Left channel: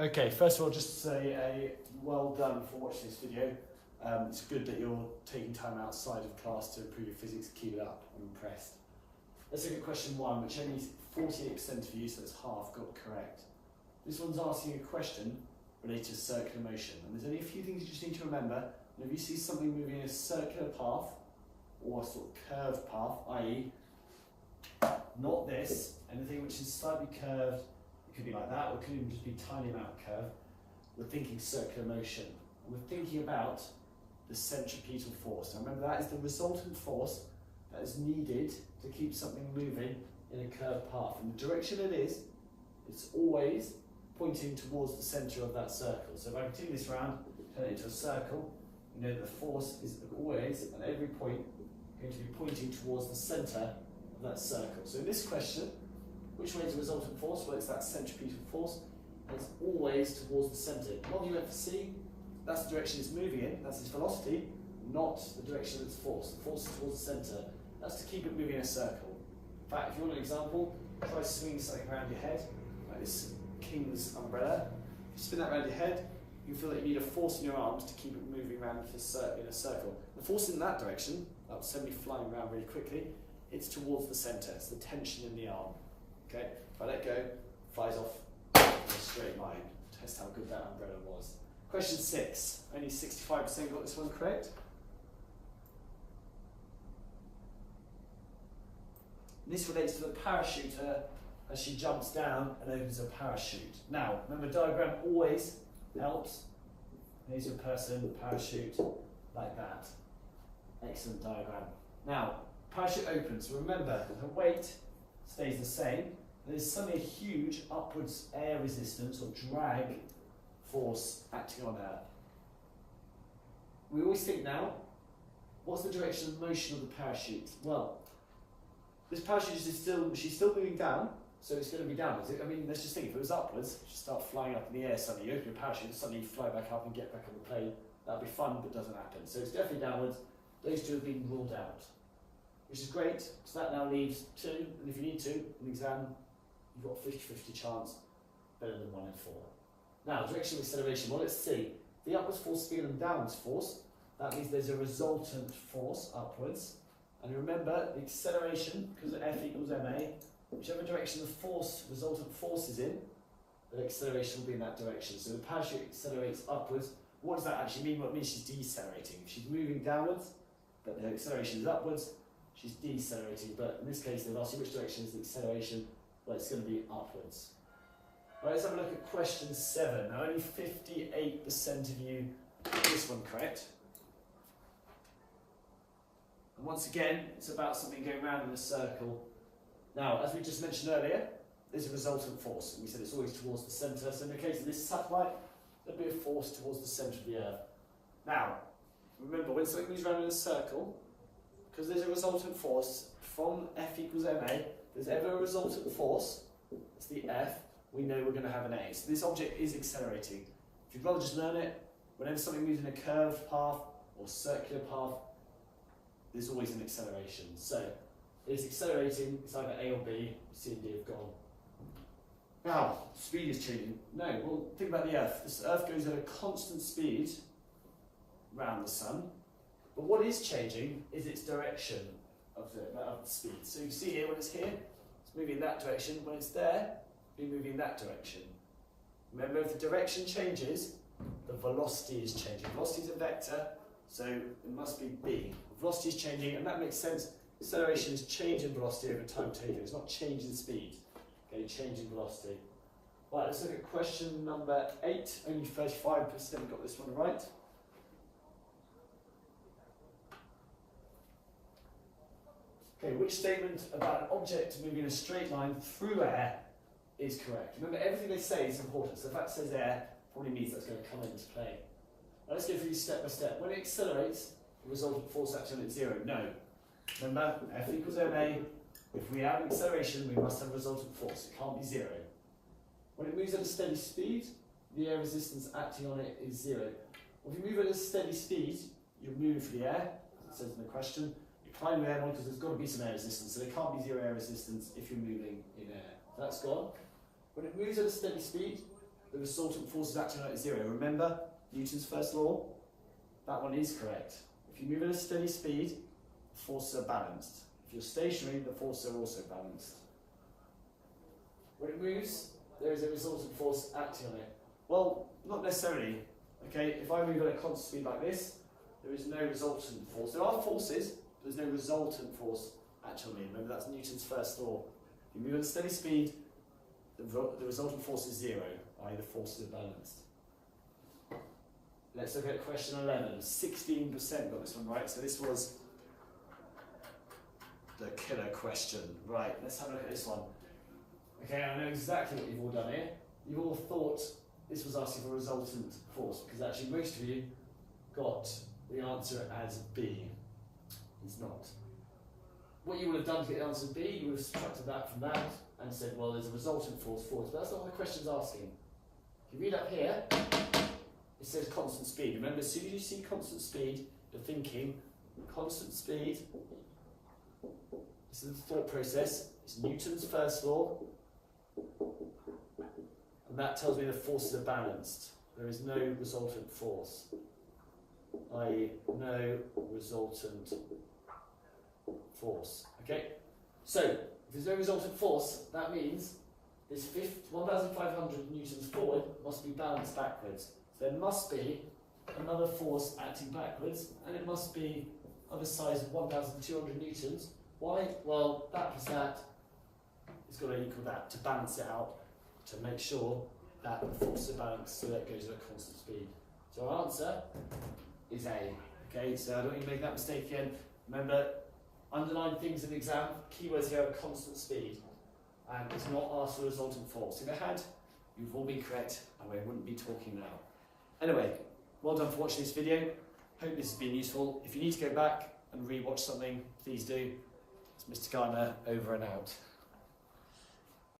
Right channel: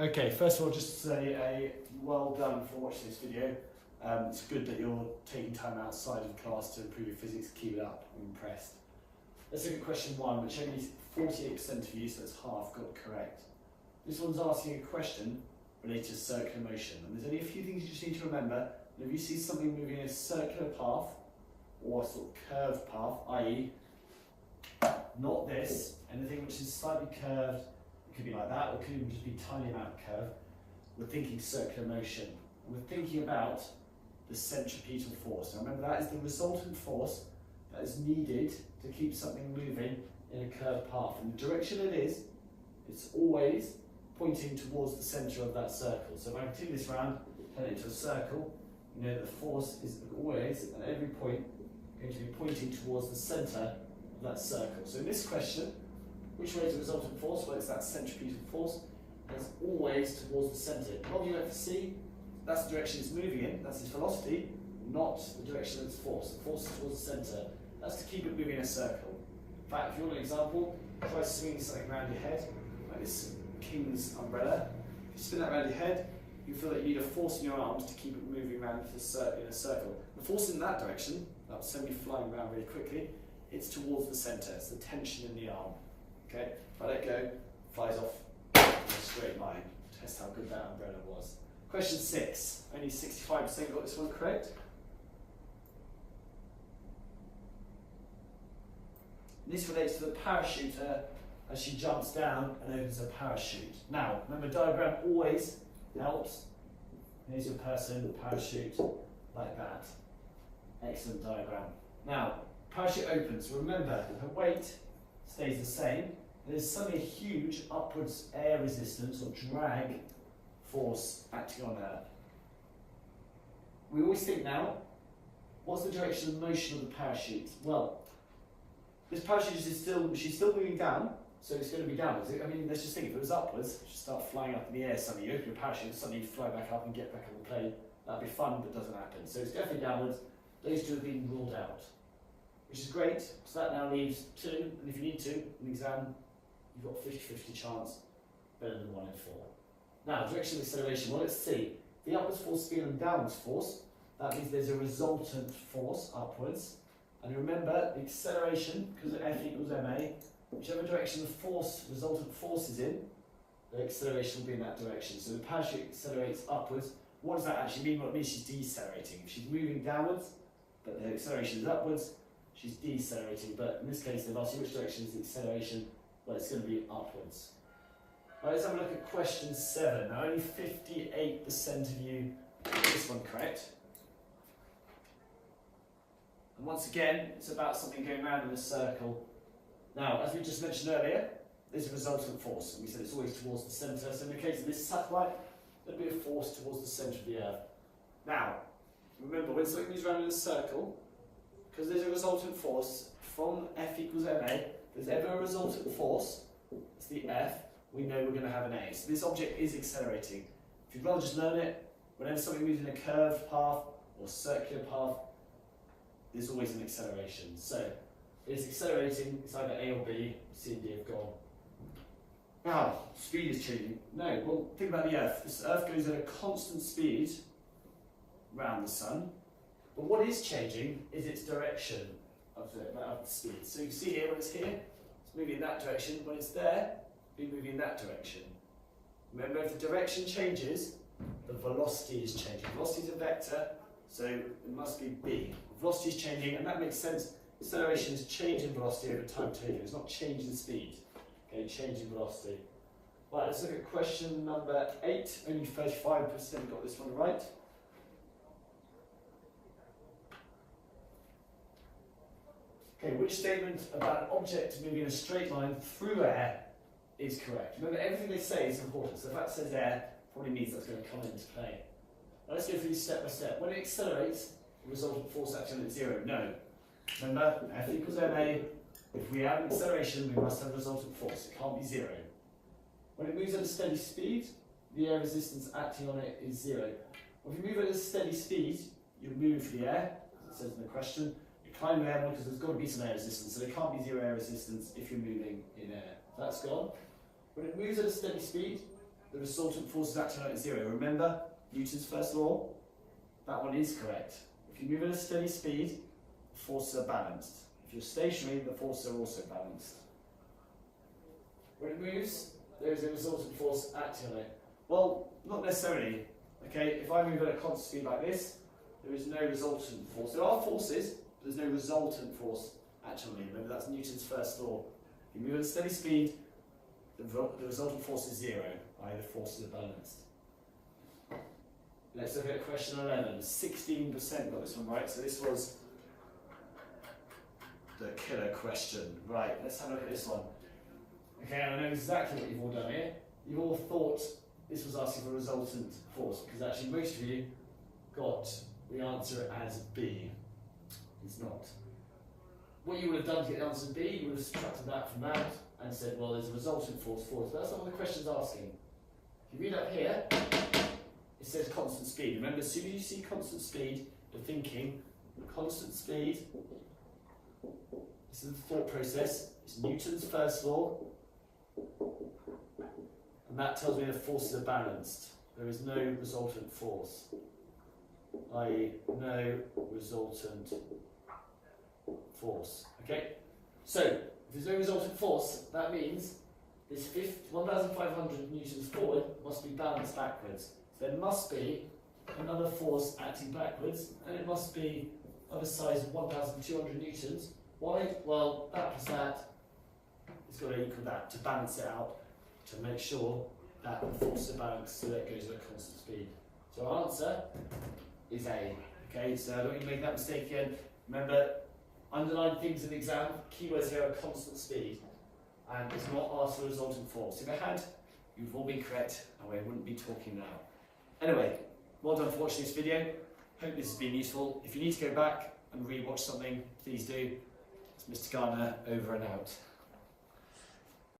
Okay, first of all, just to say a well done for watching this video. It's good that you're taking time outside of class to improve your physics. Keep it up, I'm impressed. Let's look at question 1, which only 48% of you, so that's half, got correct. This one's asking a question related to circular motion, and there's only a few things you just need to remember. And if you see something moving in a circular path, or a sort of curved path, i.e. not this, anything which is slightly curved, it could be like that, or it could even just be a tiny amount of curve. We're thinking circular motion. And we're thinking about the centripetal force. Now remember, that is the resultant force that is needed to keep something moving in a curved path. And the direction it is, it's always pointing towards the centre of that circle. So if I continue this round, turn it into a circle, you know that the force is always, at every point, going to be pointing towards the centre of that circle. So in this question, which way is the resultant force? Well, it's that centripetal force, and it's always towards the centre. What you have to see, that's the direction it's moving in, that's its velocity, not the direction of its force. The force is towards the centre. That's to keep it moving in a circle. In fact, if you want an example, try swinging something around your head, like this king's umbrella. If you spin that around your head, you feel that you need a force in your arms to keep it moving around in a circle. The force in that direction, that somebody flying around really quickly, it's towards the centre, it's the tension in the arm. Okay, if I let go, flies off in a straight line. Test how good that umbrella was. Question 6, only 65% got this one correct. This relates to the parachuter as she jumps down and opens her parachute. Now, remember, diagram always helps. Here's your person, parachute, like that. Excellent diagram. Now, parachute opens. Remember, her weight stays the same. There's suddenly a huge upwards air resistance or drag force acting on her. We always think now, what's the direction of motion of the parachute? Well, this parachute is she's still moving down, so it's going to be downwards. I mean, let's just think, if it was upwards, she'd start flying up in the air suddenly. You open your parachute and suddenly you fly back up and get back on the plane. That'd be fun, but doesn't happen. So it's definitely downwards. Those two have been ruled out, which is great, so that now leaves 2, and if you need to, in the exam, you've got a 50-50 chance, better than 1 in 4. Now, direction of acceleration, well, let's see. The upwards force is bigger than the downwards force. That means there's a resultant force upwards. And remember, the acceleration, because of F equals ma, whichever direction the force, resultant force is in, the acceleration will be in that direction. So the parachute accelerates upwards. What does that actually mean? Well, it means she's decelerating. She's moving downwards, but the acceleration is upwards. She's decelerating, but in this case, they've asked you which direction is the acceleration. Well, it's going to be upwards. Right, let's have a look at question 7. Now, only 58% of you got this one correct. And once again, it's about something going round in a circle. Now, as we just mentioned earlier, there's a resultant force. We said it's always towards the centre. So in the case of this satellite, there'll be a force towards the centre of the Earth. Now, remember, when something moves around in a circle, because there's a resultant force from F equals ma, there's ever a resultant force, it's the F, we know we're going to have an A. So this object is accelerating. If you'd rather just learn it, whenever something moves in a curved path or circular path, there's always an acceleration. So it's accelerating, it's either A or B, C and D have gone. Now, speed is changing. No, well, think about the Earth. This Earth goes at a constant speed around the Sun, but what is changing is its direction of the speed. So you can see here, when it's here, it's moving in that direction. When it's there, it'll be moving in that direction. Remember, if the direction changes, the velocity is changing. Velocity is a vector, so it must be B. Velocity is changing, and that makes sense. Acceleration is change in velocity over time taken. It's not change in speed. Okay, change in velocity. Right, let's look at question number 8. Only 35% got this one right. Okay, which statement about an object moving in a straight line through air is correct? Remember, everything they say is important. So if that says air, probably means that's going to come into play. Now let's go through these step by step. When it accelerates, the resultant force acting on it is 0. No. Remember, F equals ma. If we have an acceleration, we must have a resultant force. It can't be 0. When it moves at a steady speed, the air resistance acting on it is 0. Well, if you move at a steady speed, you're moving for the air, as it says in the question. You're climbing air because there's got to be some air resistance, so there can't be 0 air resistance if you're moving in air. That's gone. When it moves at a steady speed, the resultant forces acting on it is zero. Remember Newton's first law? That one is correct. If you move at a steady speed, the forces are balanced. If you're stationary, the forces are also balanced. When it moves, there is a resultant force acting on it. Well, not necessarily. Okay, if I move at a constant speed like this, there is no resultant force. There are forces, but there's no resultant force acting on me. Remember, that's Newton's first law. If you move at a steady speed, the resultant force is zero, i.e. the forces are balanced. Let's look at question 11. 16% got this one right, so this was the killer question. Right, let's have a look at this one. Okay, I know exactly what you've all done here. You've all thought this was asking for a resultant force, because actually most of you got the answer as B. It's not. What you would have done to get the answer B, you would have subtracted that from that and said, well, there's a resultant force forward. But that's not what the question's asking. If you read up here, it says constant speed. Remember, as soon as you see constant speed, you're thinking constant speed. This is the thought process. It's Newton's first law. And that tells me the forces are balanced. There is no resultant force, i.e. no resultant force. Okay? So, if there's no resultant force, that means this 1,500 newtons forward must be balanced backwards. So there must be another force acting backwards, and it must be of a size of 1,200 newtons. Why? Well, that plus that is got to equal that to balance it out, to make sure that the forces are balanced so that it goes at a constant speed. So our answer is A. Okay, so I don't want you to make that mistake again. Remember, underline things in the exam, keywords here are constant speed, and it's not asked for a resultant force. If it had, you've all been correct, and we wouldn't be talking now. Anyway, well done for watching this video. Hope this has been useful. If you need to go back and re-watch something, please do. It's Mr. Garner, over and out.